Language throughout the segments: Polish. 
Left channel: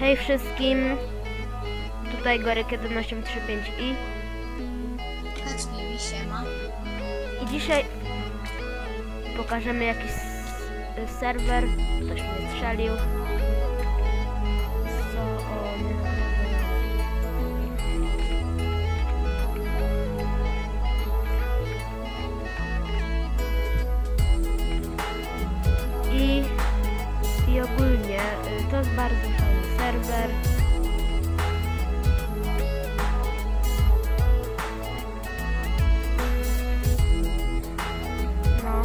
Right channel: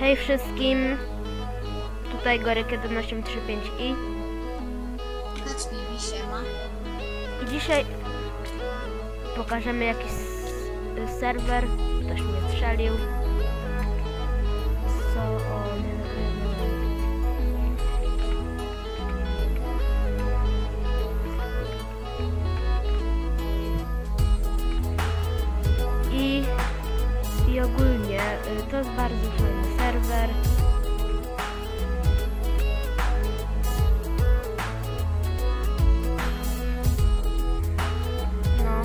Hej wszystkim, tutaj Goryk 1835i Kacpiwi, siema. i dzisiaj pokażemy jakiś serwer, ktoś mnie strzelił. Co, o, nie I ogólnie y, to jest bardzo fajny serwer. No.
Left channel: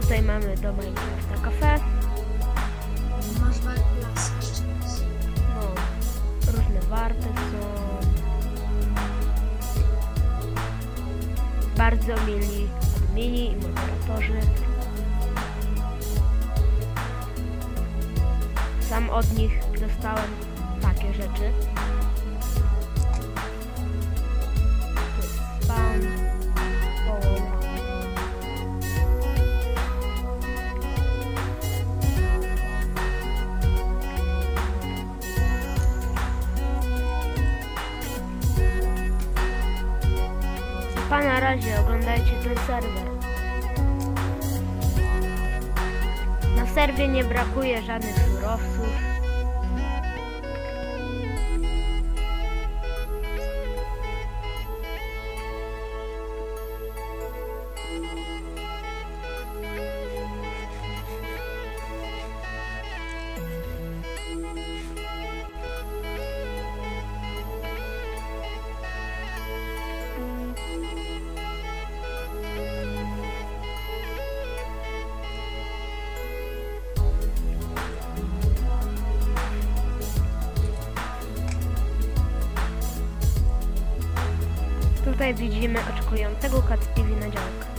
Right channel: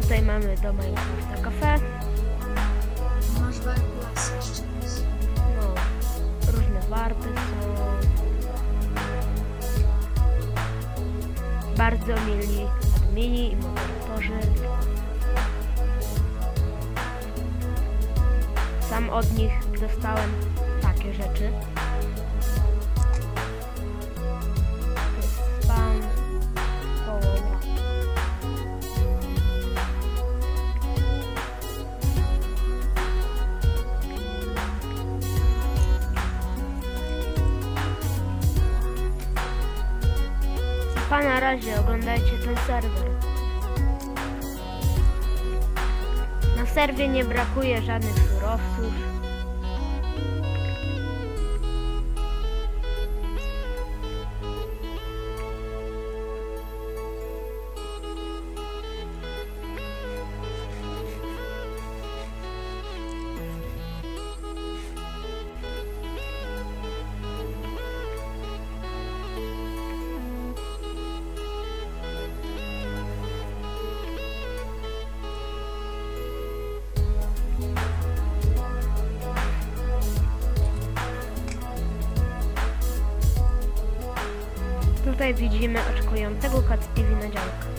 Tutaj mamy do Minecrafta kafe. Masz jeszcze raz. No, różne warpy są. Bardzo mili admini i moderatorzy. Sam od nich dostałem takie rzeczy. Pa na razie, oglądajcie ten serwer. Na serwie nie brakuje żadnych surowców. Tutaj widzimy oczekującego Kacpiwi na działkę.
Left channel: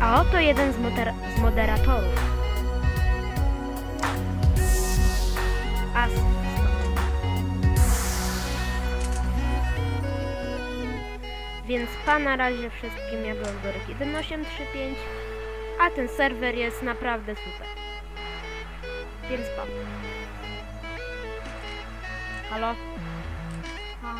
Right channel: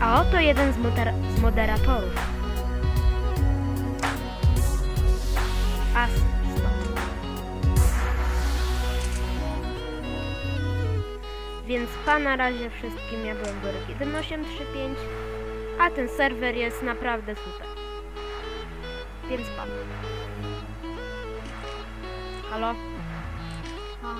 A oto jeden z, moder- z moderatorów. As. stop. Więc pa na razie wszystkim, ja byłem Goryk 1835, a ten serwer jest naprawdę super. Więc pa. Halo? A,